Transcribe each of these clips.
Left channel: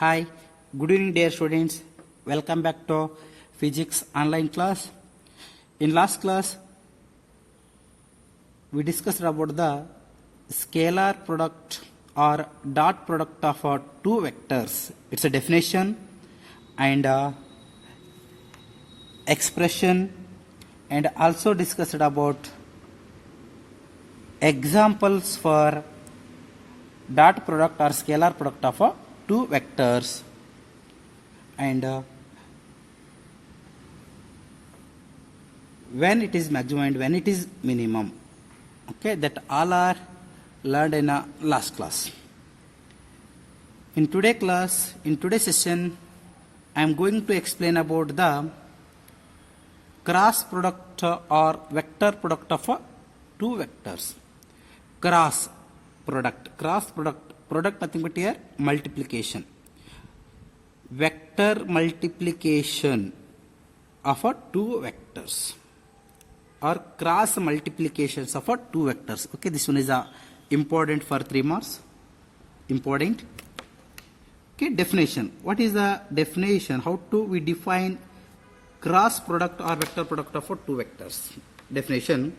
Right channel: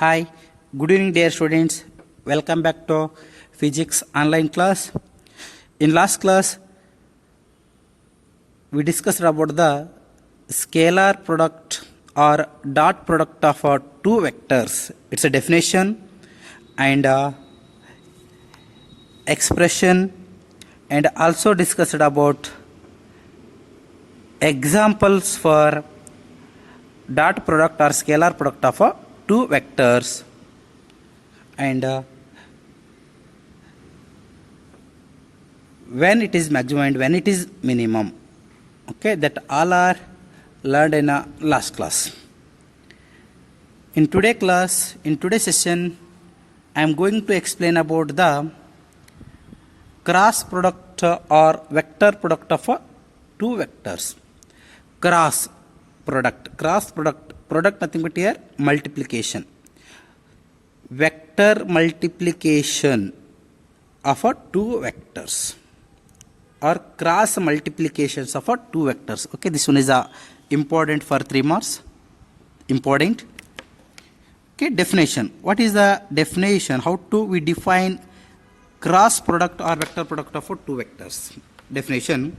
Hi, good evening dear students. Welcome back to physics online class. In last class, we discussed about the scalar product or dot product of two vectors. It's a definition and expression, and also discussed about examples for dot product or scalar product of two vectors, and when it is maximum and when it is minimum. Okay, that all are learned in last class. In today's session, I am going to explain about the cross product or vector product of two vectors. Cross product nothing but here multiplication. Vector multiplication of two vectors or cross multiplications of two vectors. Okay, this one is important for 3 marks. Important. Okay, definition. What is the definition? How do we define cross product or vector product of two vectors? Definition:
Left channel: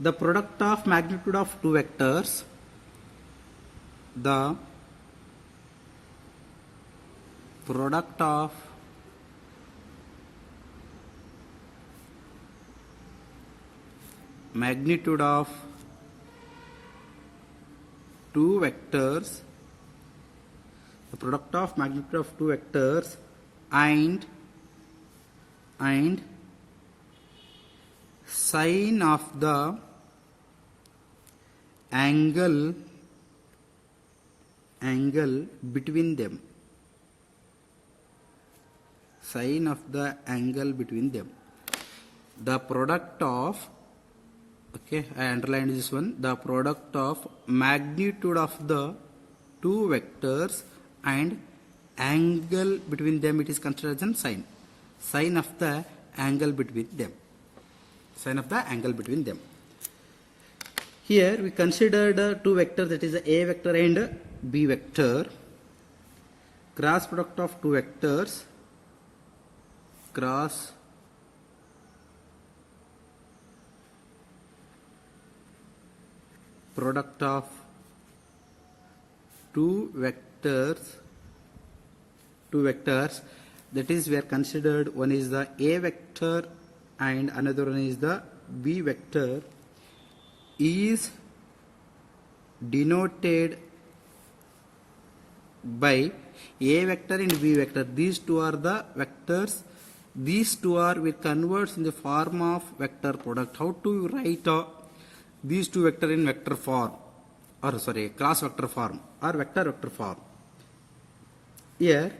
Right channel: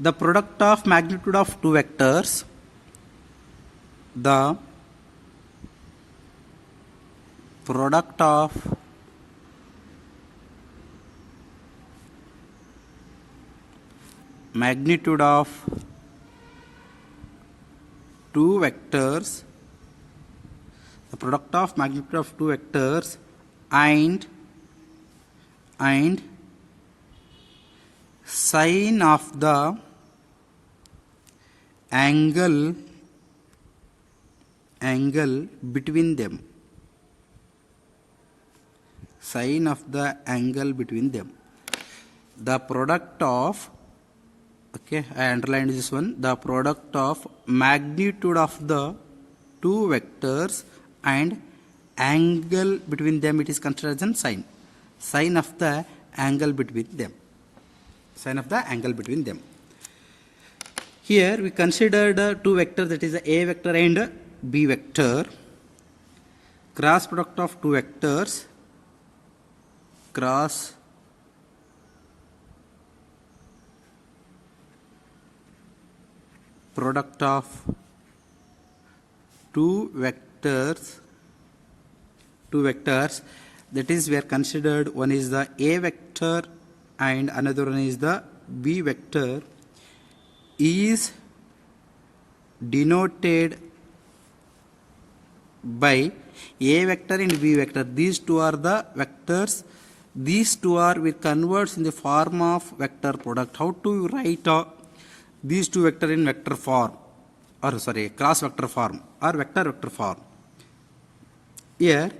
the product of magnitude of two vectors, the product of magnitude of two vectors, the product of magnitude of two vectors and sine of the angle between them. Sine of the angle between them. The product of, okay, I underlined this one, the product of magnitude of the two vectors and angle between them, it is considered as sine. Sine of the angle between them. Sine of the angle between them. Here we considered two vectors, that is A vector and B vector. Cross product of two vectors. Cross product of two vectors, that is we are considered, one is the A vector and another one is the B vector, is denoted by A vector and B vector. These two are the vectors. These two are we convert in the form of vector product. How to write these two vector in vector form, or sorry, cross vector form or vector form? Here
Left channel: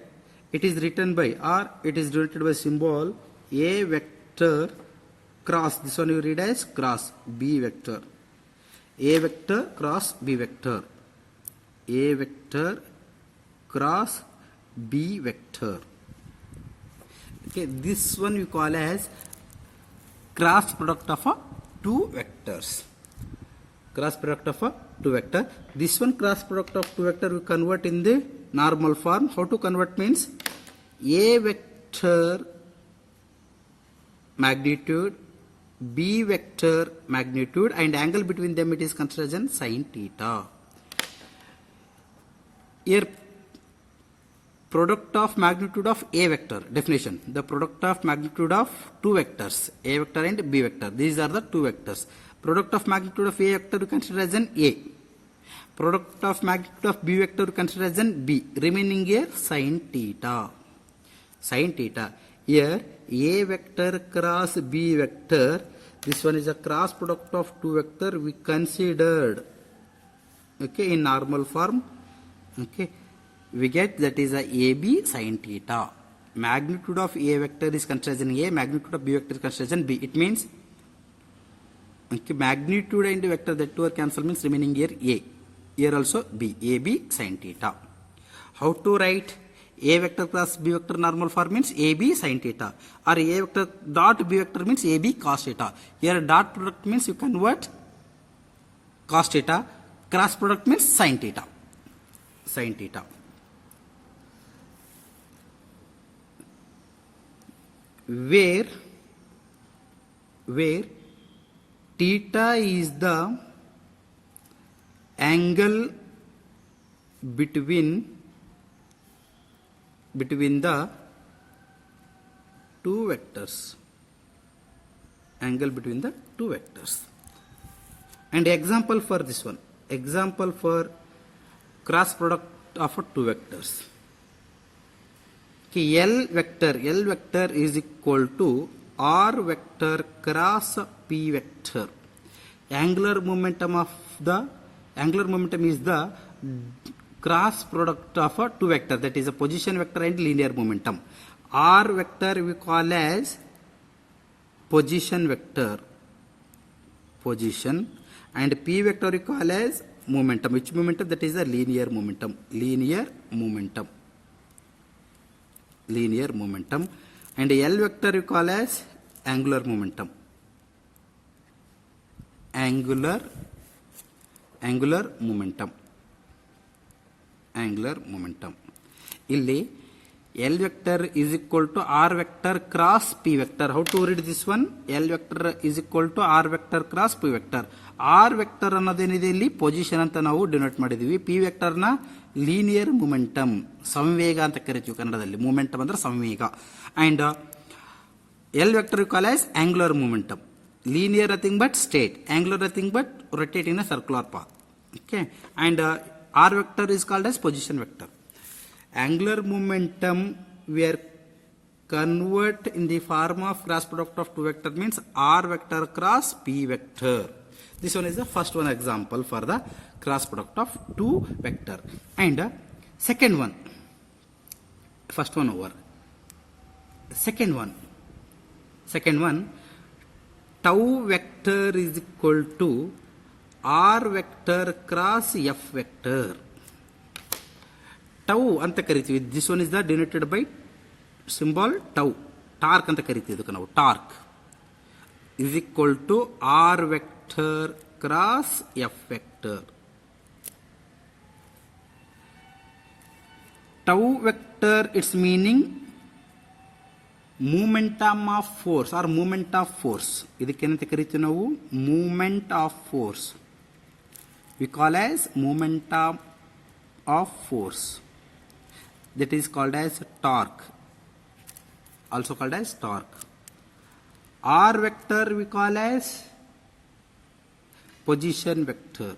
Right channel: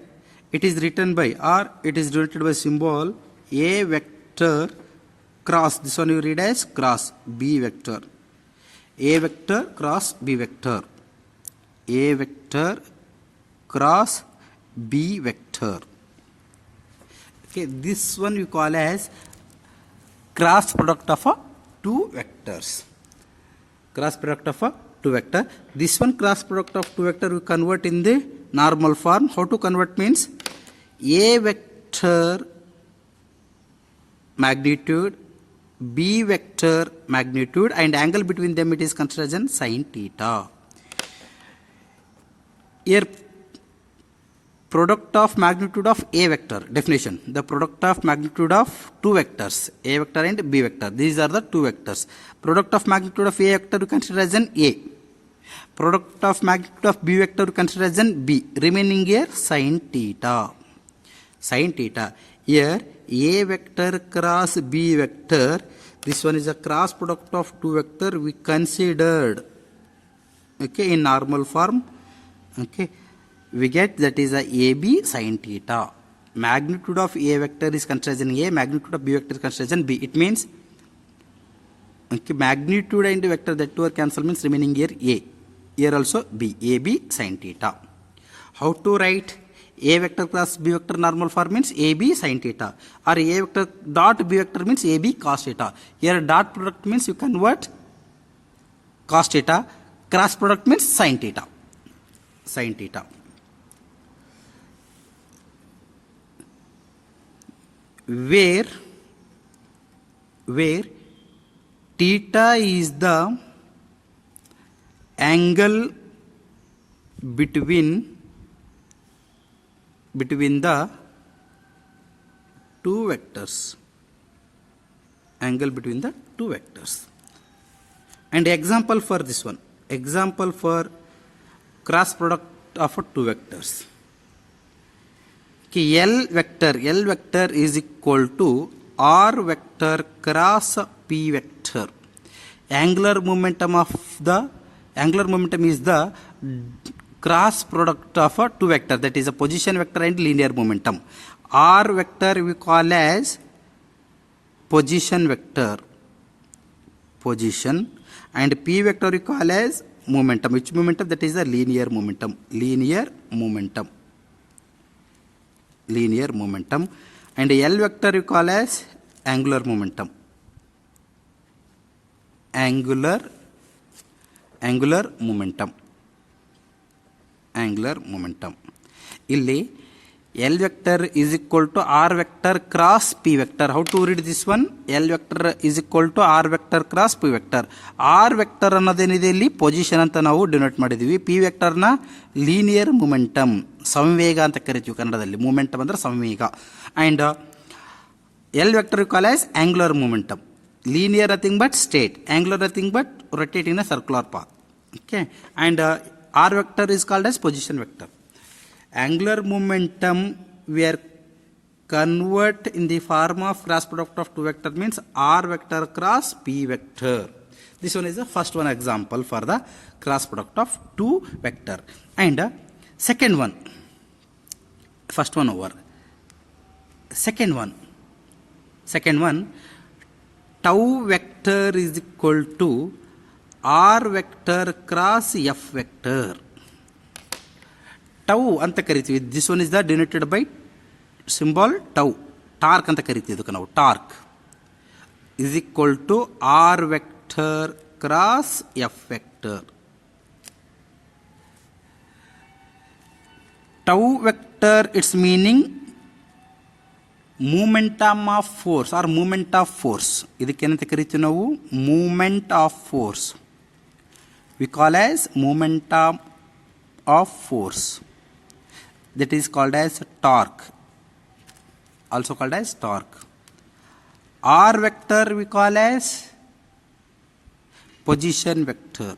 it is written by, or it is denoted by symbol A vector cross, this one you read as cross B vector. A vector cross B vector. A vector cross B vector. Okay, this one we call as cross product of two vectors. Cross product of two vector. This one cross product of two vector we convert in the normal form. How to convert means A vector magnitude, B vector magnitude, and angle between them it is considered as sin theta. Here product of magnitude of A vector, definition: the product of magnitude of two vectors, A vector and B vector. These are the two vectors. Product of magnitude of A vector we consider as an A. Product of magnitude of B vector we consider as an B. Remaining here sin theta. Sin theta. Here A vector cross B vector. This one is a cross product of two vector we considered. Okay, in normal form. Okay, we get that is a AB sin theta. Magnitude of A vector is considered as A. Magnitude of B vector is considered as B. It means, okay, magnitude and vector, that two are cancelled, means remaining here A. Here also B. AB sin theta. How to write A vector cross B vector normal form means AB sin theta, or A vector dot B vector means AB cos theta. Here dot product means you convert cos theta, cross product means sin theta. Sin theta. where theta is the angle between the two vectors, angle between the two vectors. And example for this one, example for cross product of two vectors. Okay, L vector is equal to R vector cross P vector. Angular momentum is the cross product of a two vector, that is a position vector and linear momentum. R vector we call as position vector, and P vector we call as momentum. Which momentum? That is the linear momentum. And L vector we call as angular momentum. Angular momentum. Illi L vector is equal to R vector cross P vector. How to read this one? L vector is equal to R vector cross P vector. R vector ಅನ್ನೋದೇನಿದೆ ಇಲ್ಲಿ position ಅಂತ ನಾವು denote ಮಾಡಿದೀವಿ. P vector ನ linear momentum, ಸಂವೇಗ ಅಂತ ಕರಿತೀವಿ ಕನ್ನಡದಲ್ಲಿ. Momentum ಅಂದ್ರೆ ಸಂವೇಗ. And L vector you call as angular momentum. Linear nothing but straight, angular nothing but rotating in a circular path. Okay, and R vector is called as position vector. Angular momentum we are convert in the form of cross product of two vector, means R vector cross P vector. This one is the first one example for the cross product of two vector. And second one, first one over. Second one, tau vector is equal to R vector cross F vector. Tau anta ಕರಿತೀವಿ. This one is the denoted by symbol tau. Torque ಅಂತ ಕರಿತೀವಿ ಇದಕ್ಕೆ ನಾವು. Torque is equal to R vector cross F vector. Tau vector, its meaning momentum of force or moment of force. ಇದಕ್ಕೇನಂತ ಕರಿತೀವಿ ನಾವು? Moment of force. We call as momentum of force. That is called as torque. Also called as torque. R vector we call as position vector.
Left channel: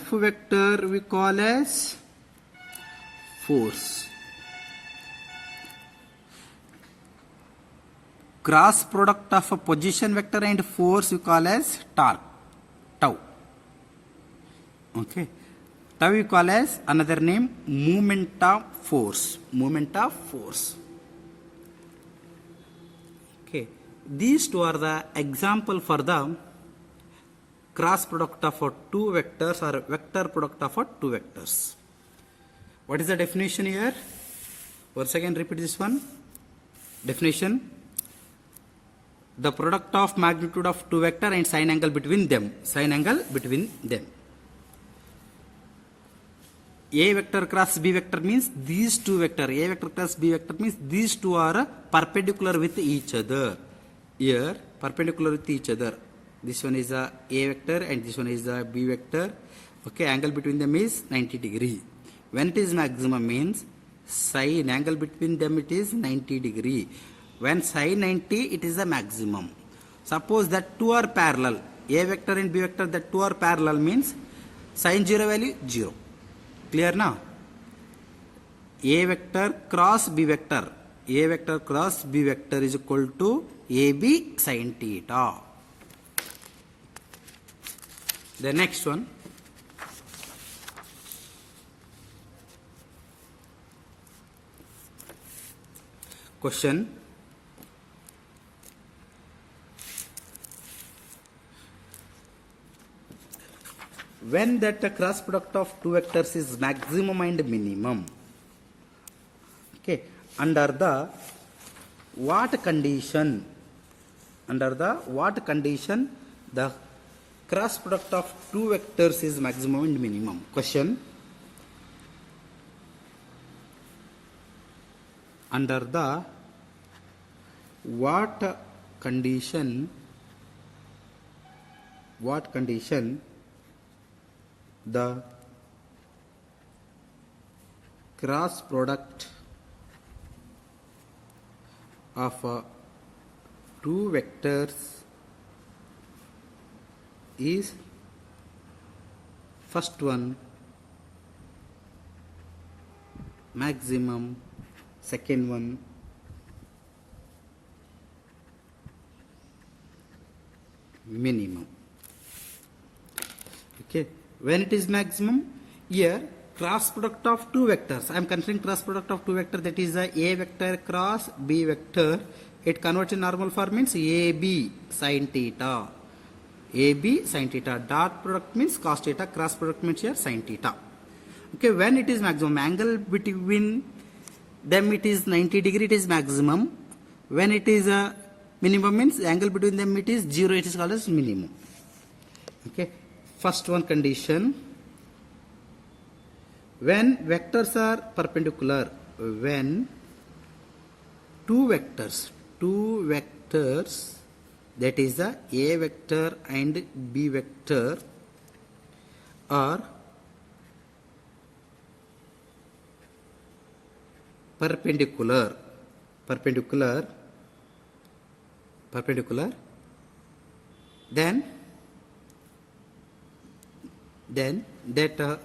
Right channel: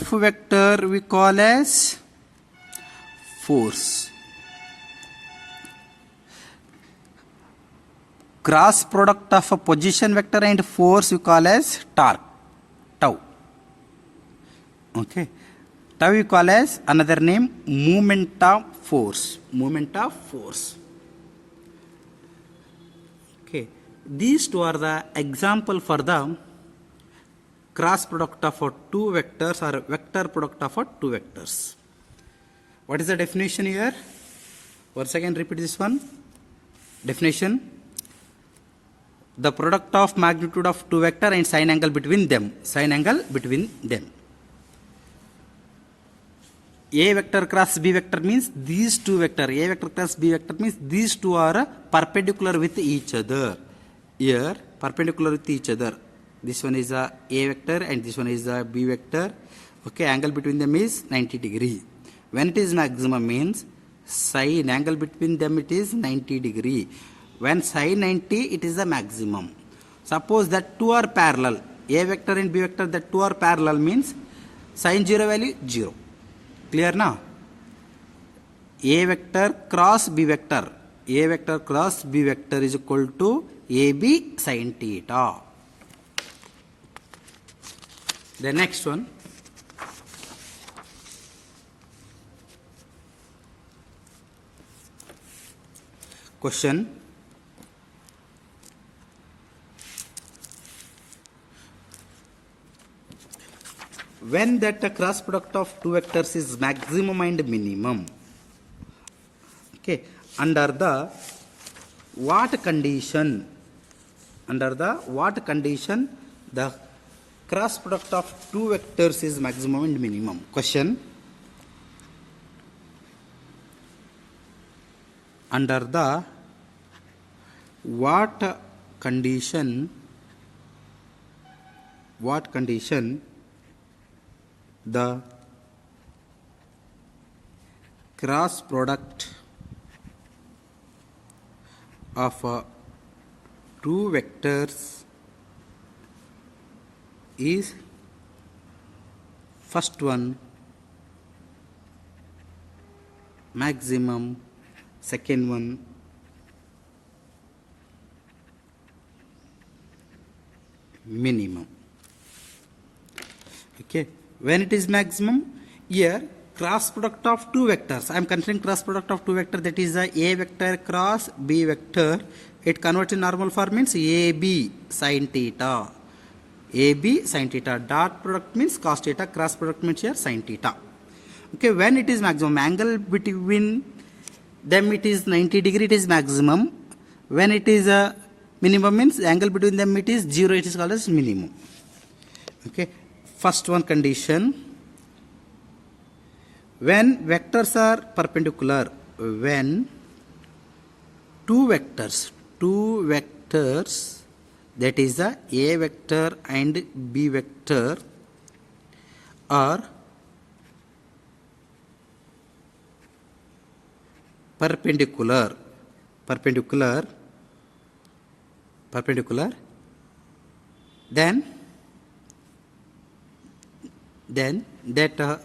F vector we call as force. Cross product of a position vector and force we call as torque. Tau. Okay. Tau we call as another name moment of force. Okay. These two are the example for the cross product of two vectors or vector product of two vectors. What is the definition here? Once again repeat this one. Definition: the product of magnitude of two vector and sine angle between them. A vector cross B vector means these two vector. A vector cross B vector means these two are perpendicular with each other. Here perpendicular with each other. This one is a vector and this one is a B vector. Okay, angle between them is 90 degree. When it is maximum means sine angle between them it is 90 degree. When sine 90 it is the maximum. Suppose that two are parallel, A vector and B vector, that two are parallel means sine 0 value 0. Clear now? A vector cross B vector. A vector cross B vector is equal to AB sin theta. The next one, question: when that the cross product of two vectors is maximum and minimum, okay, under the what condition the cross product of two vectors is maximum and minimum? Question: under the what condition the cross product of two vectors is first one maximum, second one minimum. Okay, when it is maximum, here cross product of two vectors, I am considering cross product of two vectors, that is the a vector cross b vector. It converts in normal form means ab sin theta. AB sin theta. Dot product means cos theta. Cross product means here sin theta. Okay, when it is maximum, angle between them it is 90 degree, it is maximum. When it is a minimum means angle between them it is 0, it is called as minimum. Okay, first one condition, when vectors are perpendicular, when two vectors that is the a vector and b vector are perpendicular, then that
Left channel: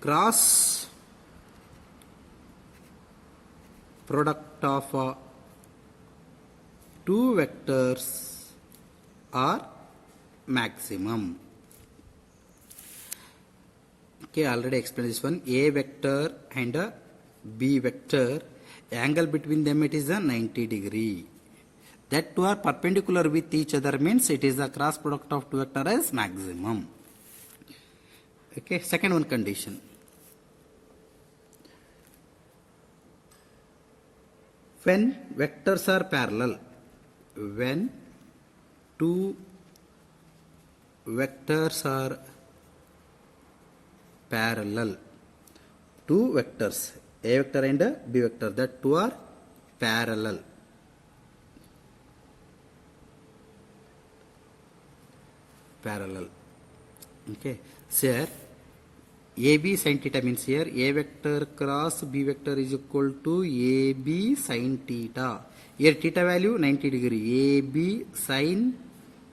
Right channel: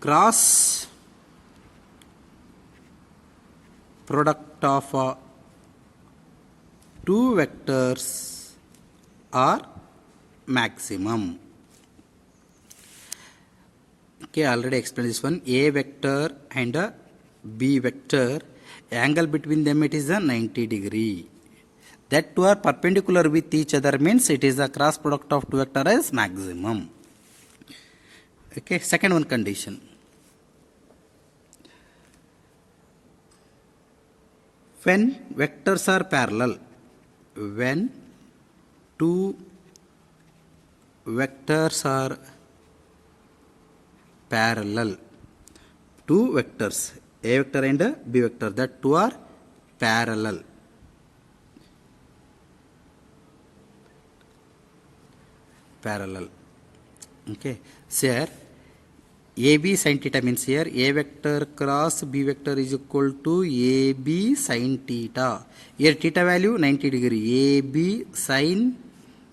cross product of two vectors are maximum. Okay, already explained this one. A vector and a b vector, angle between them it is a 90 degree. That two are perpendicular with each other means it is the cross product of two vectors is maximum. Okay, second one condition, when vectors are parallel, when two vectors are parallel, two vectors a vector and b vector, that two are parallel, okay. So here AB sin theta means here a vector cross b vector is equal to AB sin theta. Here theta value 90 degree, AB sin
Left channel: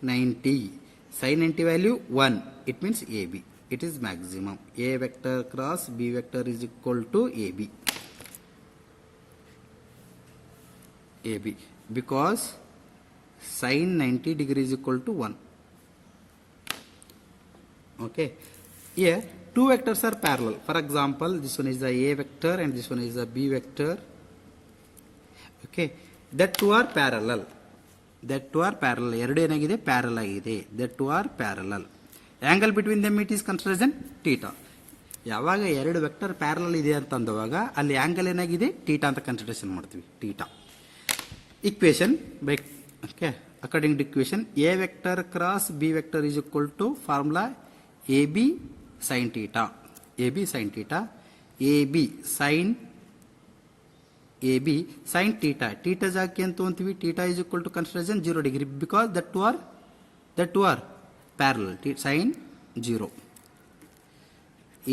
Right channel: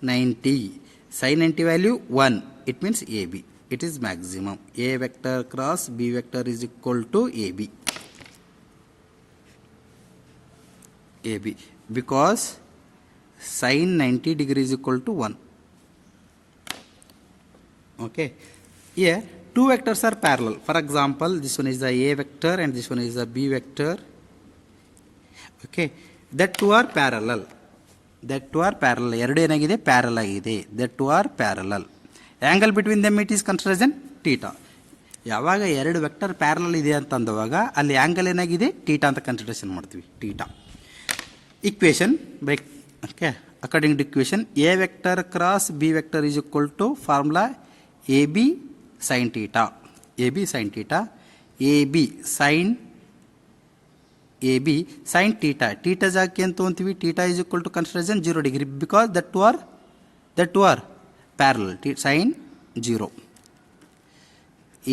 90, sin 90 value 1, it means AB, it is maximum. A vector cross b vector is equal to AB, because sin 90 degree is equal to 1. Okay, here two vectors are parallel. For example, this one is the a vector and this one is the b vector. Okay, that two are parallel. ಎರಡು ಏನಾಗಿದೆ parallel ಆಗಿದೆ. that two are parallel. Angle between them it is considered as theta. ಯಾವಾಗ ಎರಡು vector parallel ಇದೆ ಅಂತ ಅಂದವಾಗ ಅಲ್ಲಿ angle ಏನಾಗಿದೆ theta ಅಂತ ಕನ್ಸಿಡರೇಷನ್ ಮಾಡ್ತೀವಿ, theta. Equation by okay, according to equation a vector cross b vector is equal to formula AB sin theta, AB sin theta, AB sin theta, theta ಜಾಕಿ ಅಂತ ಅಂತೀವಿ, theta is equal to consideration 0 degree because that two are parallel, sin 0.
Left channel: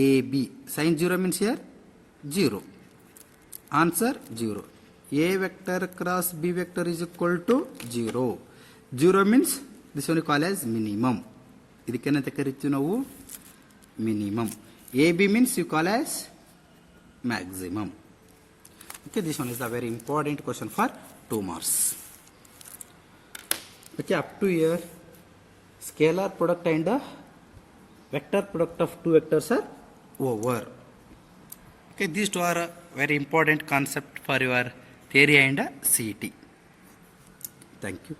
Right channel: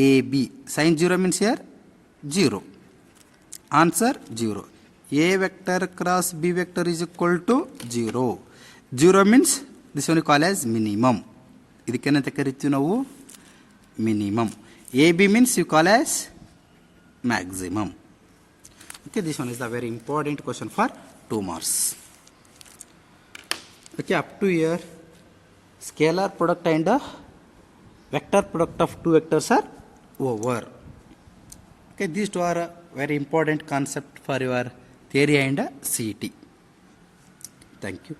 AB sin 0 means here 0, answer 0. A vector cross b vector is equal to 0. 0 means this one you call as minimum. ಇದಕ್ಕೇನಂತ ಕರಿತೀವಿ ನಾವು minimum. AB means you call as maximum. Okay, this one is a very important question for 2 marks. Okay, up to here scalar product and vector product of two vectors are over. Okay, these two are a very important concept for your theory and CET. Thank you.